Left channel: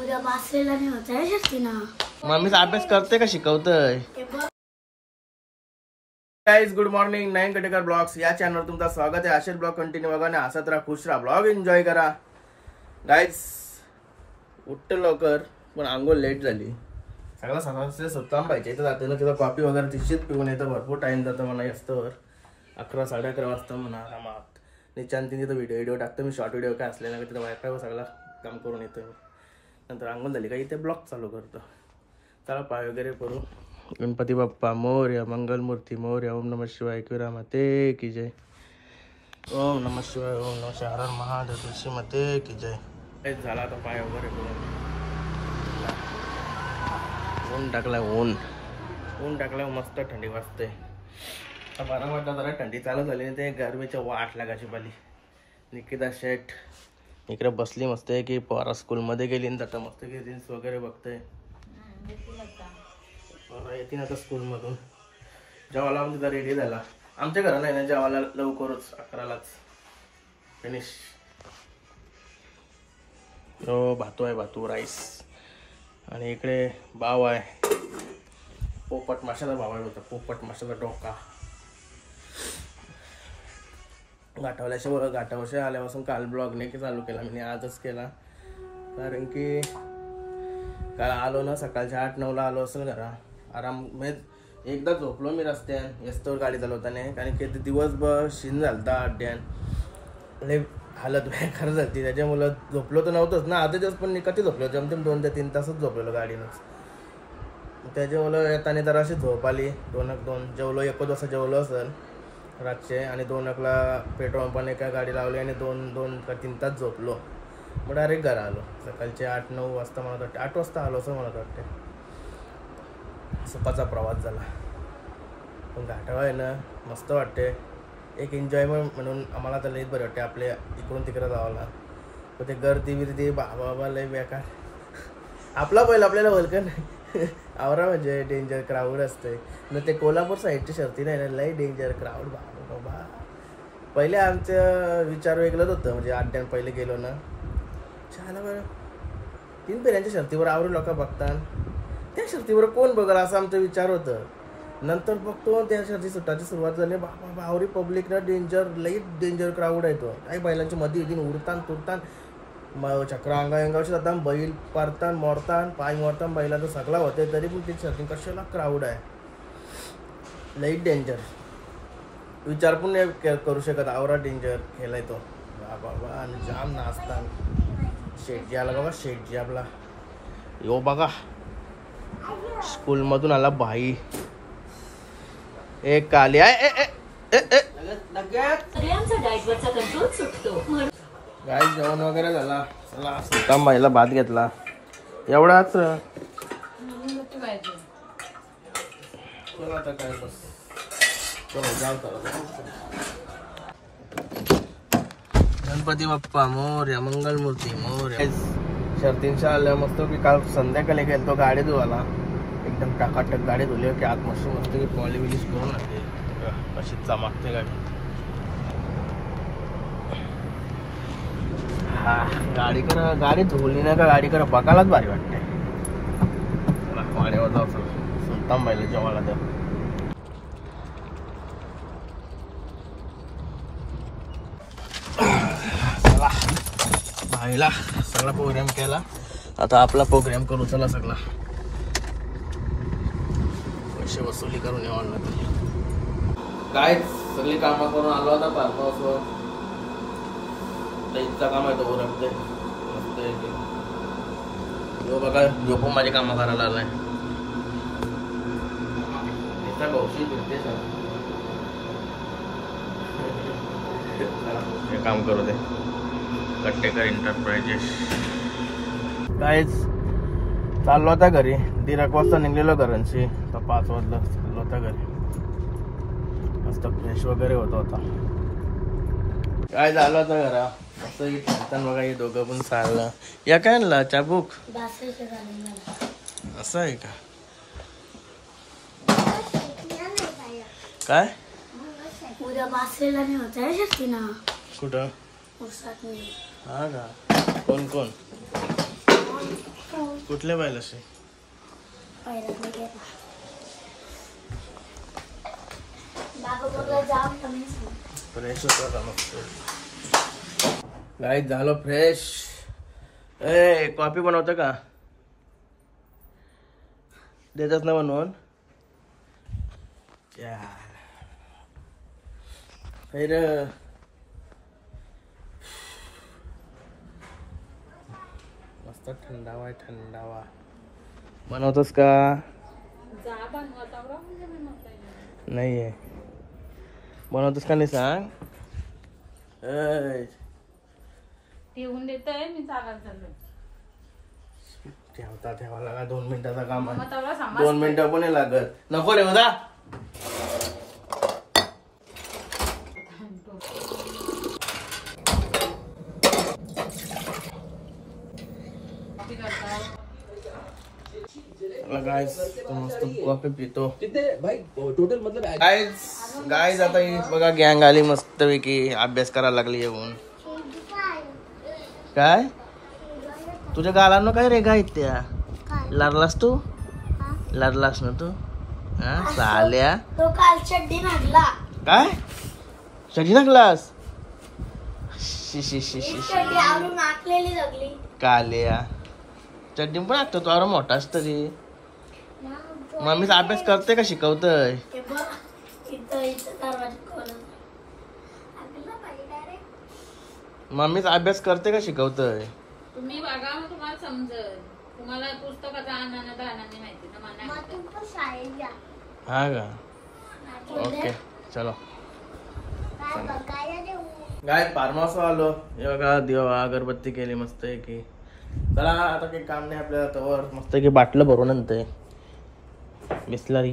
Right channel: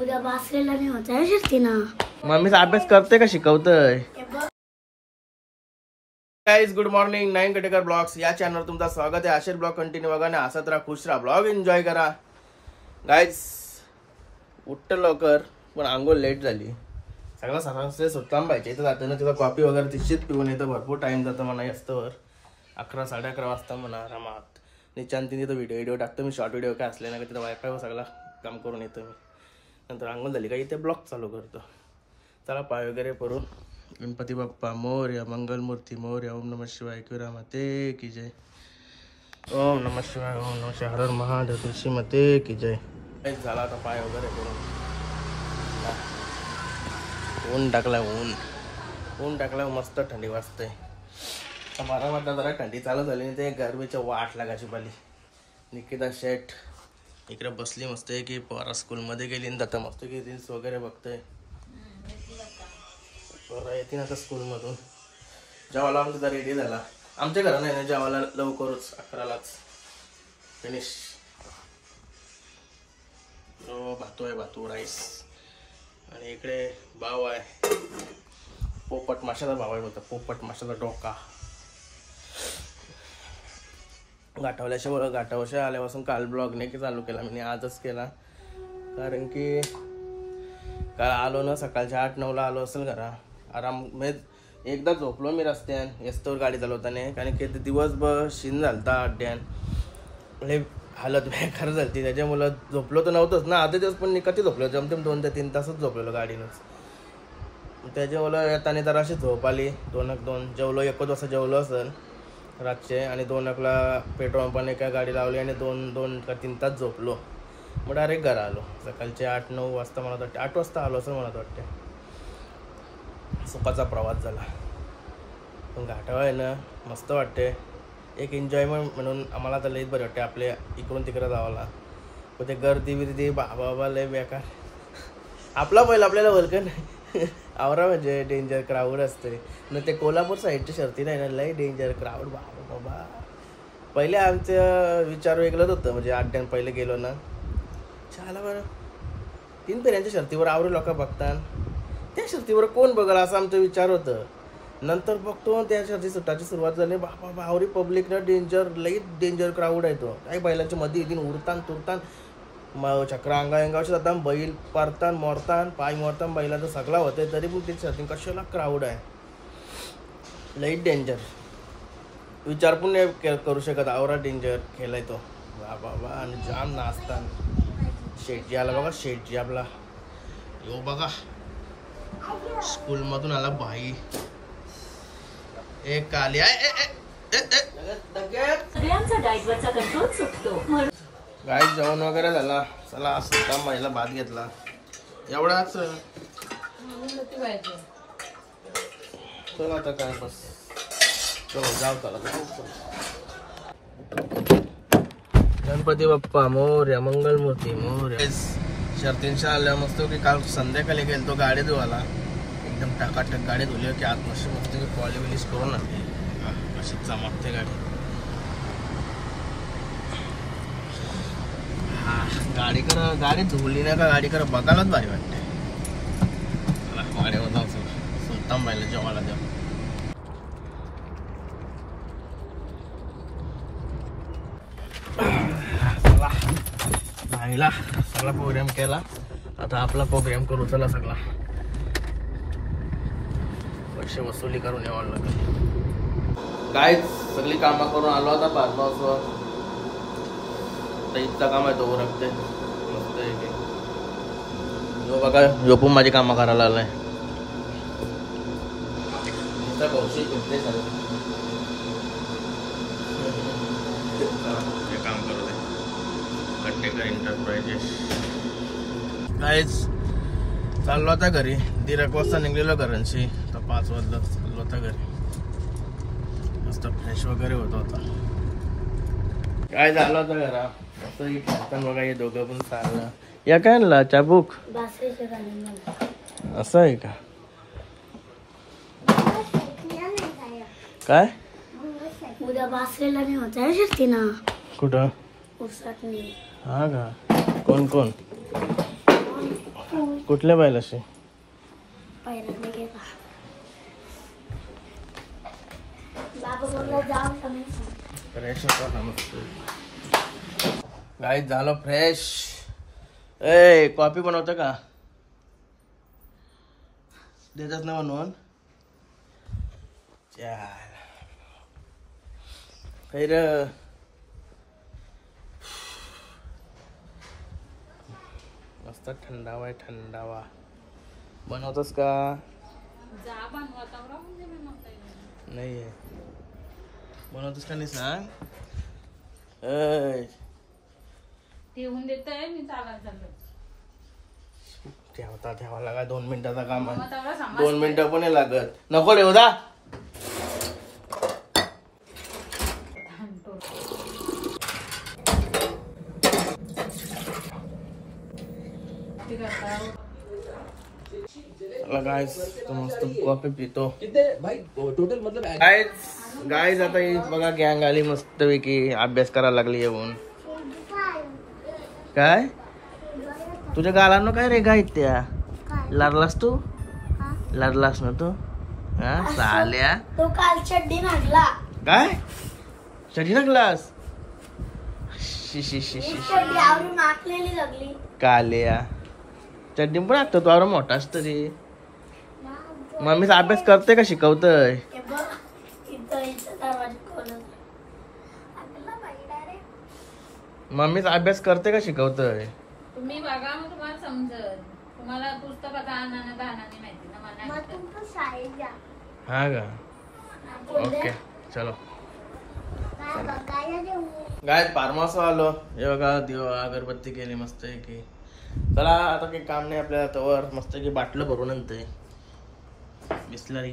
उद्या बासरीला मी होता शकते ना. मम्मीचा अभ्यास करते का शिकवतय? Guys good morning. नाईन कटेकर ब्लॉग्स या चॅनलवर तुमचं स्वागत आहे. असेच ब्लॉग कंटिन्यू बघा ना, हसत राहा, खुश राहा, ब्लॉग एन्जॉय करा. गाइस उठतं लवकर पण आंघोळ लेट झाली. सगळा सकाळचे सुटलाम पाहिजे. इथं जाते ना तिथं कॉफी वगैरे तिशीच पिऊन येतं. भरपूर टाइम जातं म्हणा असतं. 11 साडे 11 वाजता म्हणा आरामात. निचांत तिथं व्हिडिओ टाकतो मी. शॉर्ट व्हिडिओ काय असले ना तिथं वायफाय सगळा काम करून येतो मी. नंतर आंघोळ झाली का इथे ब्लॉग चालू करतो. चला पाय वगैरे करून. गणपती बाप्पा मोरया, मंगलमूर्ती मोरया, ओम नमः शिवाय, एकविरा माते की जय. ओम नमः शिवाय, ओम नमः शिवाय, हर हर महादेव, तुळशी माते की जय. एक झाला आता पाय वगैरे करून. ऊन टाकला मस्त थंडी वाजते. आता 12 वाजता जरा थंडी चालू झाली आणि ते गरमीच्या वाट लागायची पाली. निकिता शेठ इकडे बसली मस्त आहे की पोरा स्कूलमध्ये गेली आणि आता मस्त की रील्स वगैरे बघते. येते ना आता स्कूलमधून. जेवायला आम्ही तिथं रेडी झाला. आमच्या घरात नाही ना जेवायला लवकरच 11लाच फिनिश. भातू राईस. आणि इकडे भाव आहे पोपट माशाचा भाव आहे होता. पोपट माशाचा डोका. घाटावरच्या आल्यापासून काल ब्लॉग नाही की चालू केला मी, आजच केला. कारण की काल आलो ना सकाळच्या 8-9ला आलो असेल घरा. आराम म्हणजे एकदा झोपलो मी रस्त्यान येस्तोवर गाडी चालवताना. कारण की दिवसभर शिन झालता अड्ड्यान. लय हालत बेकार झाली. त्याच्यामुळं झोपलो तर नव्हतंच ना. आधे दिवस पण कधी झोपलो जमतेम 2 ते 3 तासच झोपलेलो गाडीनंच. त्याच्यामुळं येताना तर अशी झोप आली. 2 जेवलो 1 वाजता जेवलो असेल रातचे. आणि 2ला पेट्रोल पंपाने काय गाडी लावली आणि 2 का 3 तास झोपलो. मग डायरेक्ट घरा आलो. सकाळचे 8-9 वाजता मला वाटते 8 वाजता आलो असं मला वाटते. सुखाचा प्रवास झाला. पण घाटावर आहे ना मस्त वाटते. एक एन्जॉयमेंट म्हणून आम्हाला तर लईच बरं वाटते. आपल्या इकडून तिकडे जावाला. पण ते गर्दी बाबा लय बेकार. आपला पहिला आपल्याला वलकन आवरा म्हणजे डेंजर क्राऊड असते ना. ते कोल्हापूर साईडच्या शर्ती नाही ना लय डेंजर क्राऊड बाबा. पहिले आमचं विचार वेगळंच होतं. म्हणजे 8 दिवस पहिले गेलो ना चला बरं 3 फेऱ्यांच्या शर्तीवर आवरे लोक बघतात. त्या शर्तीवर कोण बघल असं आमचा विचार होतं. नंतर बघतो त्या शर्ती सुटाची सुरुवात झाली. बाबा आवरी पब्लिक ना लई डेंजर क्राऊड आहे तो. काही बैलांच्या मध्ये येऊन उडतान तुरतान चक्र अंगावरचे जातात. बैल पारतान मोरतान पाय मोरतान बैलाचं सगळा होते. तरी पण ते शर्ती कशाला क्राऊड आहे. लई डेंजर. विचार पण नाही करू शकत. आवरा डेंजर केलाय तो बाबा. आणि जाम नाचतान. शेटजी आला बघा. शेटजी आपला यो बघा स्कूलमधून आला भाई. एक काली गाय जेवण वगैरे झाला. चला सुद्धा महिला भात घेतला एवढाच. चला आता काय बस चलो जाऊ. गणपती बाप्पा मोरया, मंगलमूर्ती मोरया. शर्तींच्या आल्या मस्त की काल संध्याकाळी गेलो गाडी धुवायला. एकदम टाकाटक गाडी धुली की आत मस्त की पॉलिश करून लागली. कशी चमकते गाडी. गाडी धुवली ना का गाडी कर बघायलाच भारी वाटते. चला गाडीवर जाऊ. सुलतान बाईला जेवायला देऊ. भाईला सगळा प्रोग्राम केला. आता आपला प्रोग्राम करू. चला सगळा पैसे वसुली करून यावं लागेल. काय सगळी कामं करून आलो आता फार्म हाऊसवर. इतका काम आहे तो ओरखते मस्त आहे की. जो बघा जो पण माझी कामं करायला आलाय. इतका कौशल कुठते हे काम करू दे. कट्टेकर एंटरप्राइजेस. काहीच चाललो होता घरी. 1:30 वाजता निघलेलो घरांशी. तर 5 वाजता चाललो होता घरी. मस्त फ्रेश वगैरे होत होता. काय झालं होतं घरा असं खेळताना बघा. हे दोघं पण चाललं. या काय आणला चाबूक असं आहे का काय? उद्या बासरीला मी होता शकते ना. कुठं? उसात मी. हा का? कोण कोण? कुठल्या पाहिलं असे पहिल्यांदा गेला बाबा बोलला जाऊन कमी फ्रेश होता मस्त. गाईज झालो फ्रेश. ए कॉफी बनवतं का? देतात ना बनवून. मस्त थंडावा आहे थंडावा. बनवतोस का? नाही आहे. बनवतोस का नाही सांग. ठेवून देतोय मी चालत चाललो. ठेवा लागा 2 मिनिटाचा काम आहे. 2 मिनिटं पण नाही लागत. नको रे उदा. गाइस मस्त कॉफी पितो. टोटल मतलब गाइस आता ही बघा गँग आली मस्त पैकी अभ्यास करायला लागली येऊन. काय तुझ्या गालांना काय रे गाय त्या लाडलास तू? लाडलास ना तू? हा चाल्या तो काल चड्डी नागला. काय चड्डी नागलास? शी चड्डी आवरून नाकलेली लागली. काल्या चड्डी पण लागतो तू आवरा मोठा असतो रे. मम्मीचा अभ्यास करते का शिकवतय? मम्मीचा अभ्यास करते का शिकवतय? तुम्ही बघा मग तुम्हाला समजल. तुम्हाला पुस्तकाचा आनंद नाही माहिती ना मला. हा का ओके चलो. गाय फार्म हाऊस आलो. हे बघा देवा अगरबत्ती केली मस्त आहे की. चला आता काही काम नाही आपल्याला तवर मस्त की बाटलं भरून आणते बिस्लरी.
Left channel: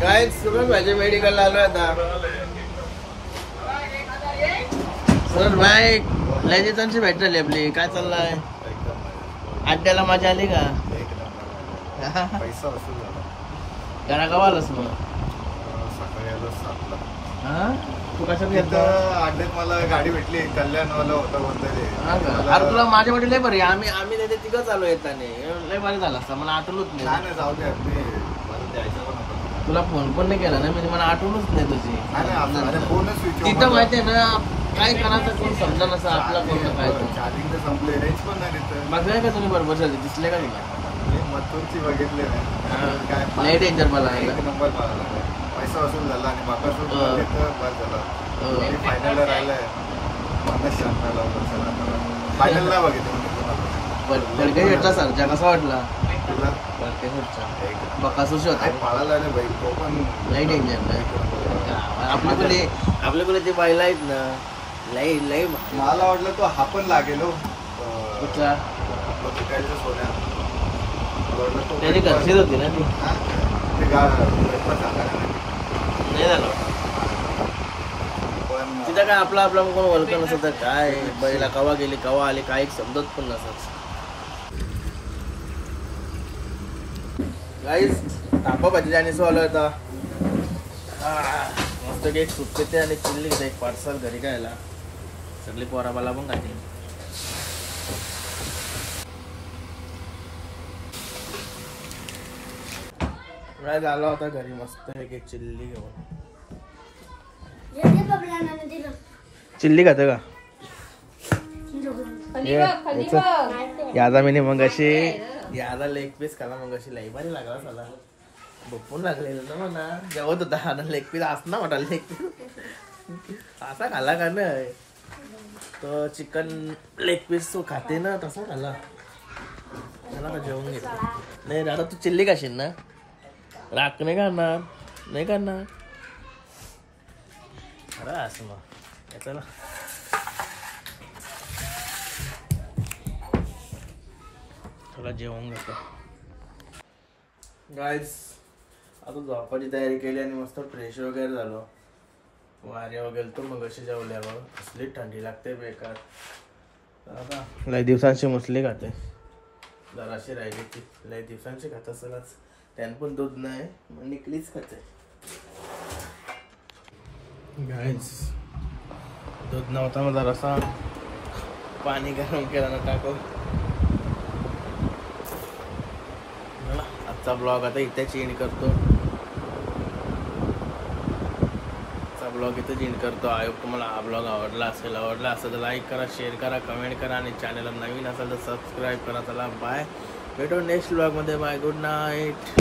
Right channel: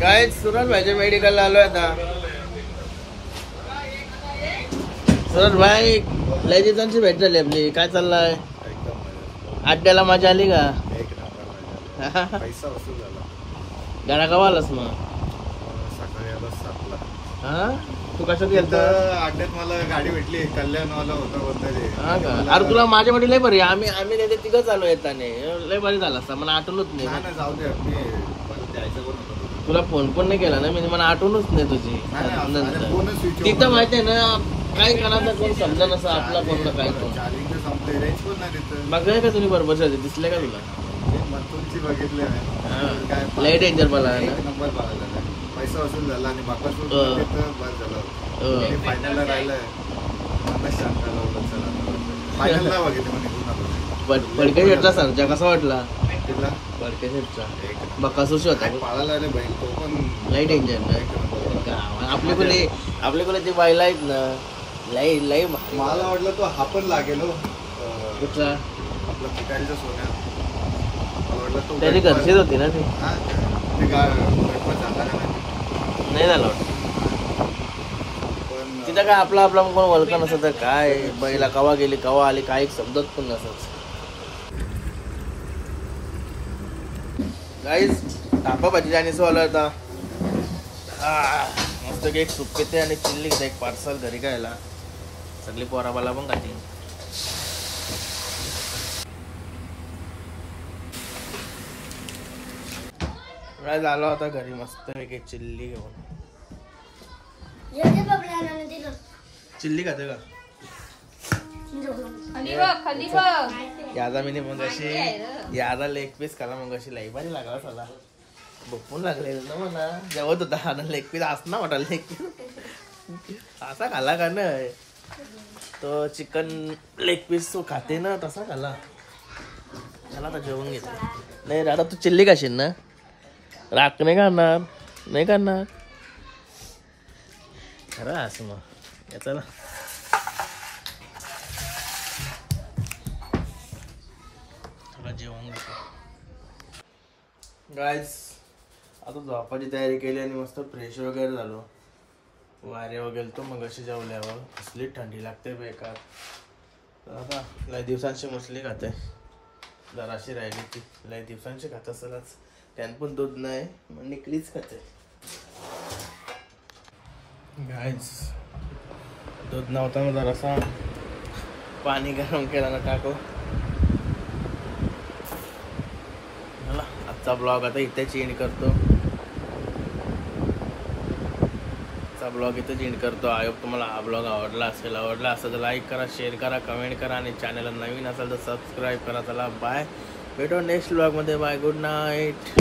काय सुरज भाई मेडिकलला आलोय आता. सुरज भाई लय दिवसांची भेट झाली आपली. काय चाललंय? अड्ड्याला मजा आली का? पैसा वसूल झाला. गाणं गावालाच मग सकाळी आला 7ला. हा तू कसं गेलतो? अड्ड्यात मला गाडी भेटली. कल्याणवाला होता कोणतरी. अरे तुला माझ्या मध्ये लय बरी. आम्ही नाही तिघं चालू येताने लय बरी झाला असता. मला आठवलंच नाही. नाही जाऊ दे. परत यायचं पण होतं. तुला फोन पण नाही केला ना मी. मला आठवणच नाही तुझी. फोनच तिथं माहिती आहे ना काय करायचं कोण समजा नसं आपला कोण काय. चार्जिंग तर संपले. रेंज पण नाही तिथं. बघाय का तुम्ही बरोबर झाले दिसले का तुला? मथुरची बघितले नाही. काय लय डेंजर मला एक नंबर मला पैसा वसूल झाला आणि बाकासूर तिथं बरं झालं. फायनलला राहिलंय. पन्नास शांत लावलं. चला फायनलला बघितलं म्हणजे फडके शेटचा सांगच्या कसा वाटला? कुठला फडके शेटचा बकासूर होता. पाळाला रे बाई. तो पण लय डेंजर. आपल्या कोणी ते बायला आहेत ना लय लय. मला वाटलं तो हा पण लागेल. कुठला आपला पिकायचं सोन्या. त्याने घरचीच होती ना ती. नाही झालं तिथं काय आपला कोण ओळख नसत. काय बैला कवा गेली कवा आली काही समजत पण नसत. गाईस टापा भाजी आणि सो आला होता. मस्त एक सूप पिते आणि चिल्ली घेते. एक पार्सल घरी खायला. सगळी पोराबाला पण खाते. काय झालं होता घरी मस्त एक चिल्ली घेऊन. चिल्ली खाते का? यादा मी मग अशी यादा लेग पीस खाला. मग अशी लई भारी लागला साला. भपून लागलेलं ना म्हणा. जेवत होता आता लेग पीस असं वाटा. लेग पीस असा खाला का नाही तो चिकन लेग पीस तो खाते ना तसा खाला. मला आता जेवून घेतलं. नाही दादा तू चिल्ली खाशील ना? राख नाही करणार. नाही करणार अरे असं मग चला. थोडा जेवण घेतो. गाईज आता झोपाची तयारी केली आणि मस्त फ्रेश वगैरे झालो. वारे वगैरे तो मग अशी जेवल्यावर असली थंडी लागते बेकार. तर आता लय दिवसांची मुसली खाते. जराशी राहिली ती लय दिवसांची खात असेलच. त्यान पण दूध नाही मग निकलीच खाते. गाईज दूध नव्हता मग जरासा पाणी गरम केला ना टाकू. आजचा ब्लॉग आता इथेच एंड करतो. ब्लॉग इथेच एंड करतो. आय होप तुम्हाला हा ब्लॉग आवडला असेल तर लाईक करा, शेअर करा, कमेंट करा आणि चॅनलला नवीन असेल तर सबस्क्राईब करा. चला बाय, भेटू नेक्स्ट ब्लॉगमध्ये. Bye, good night.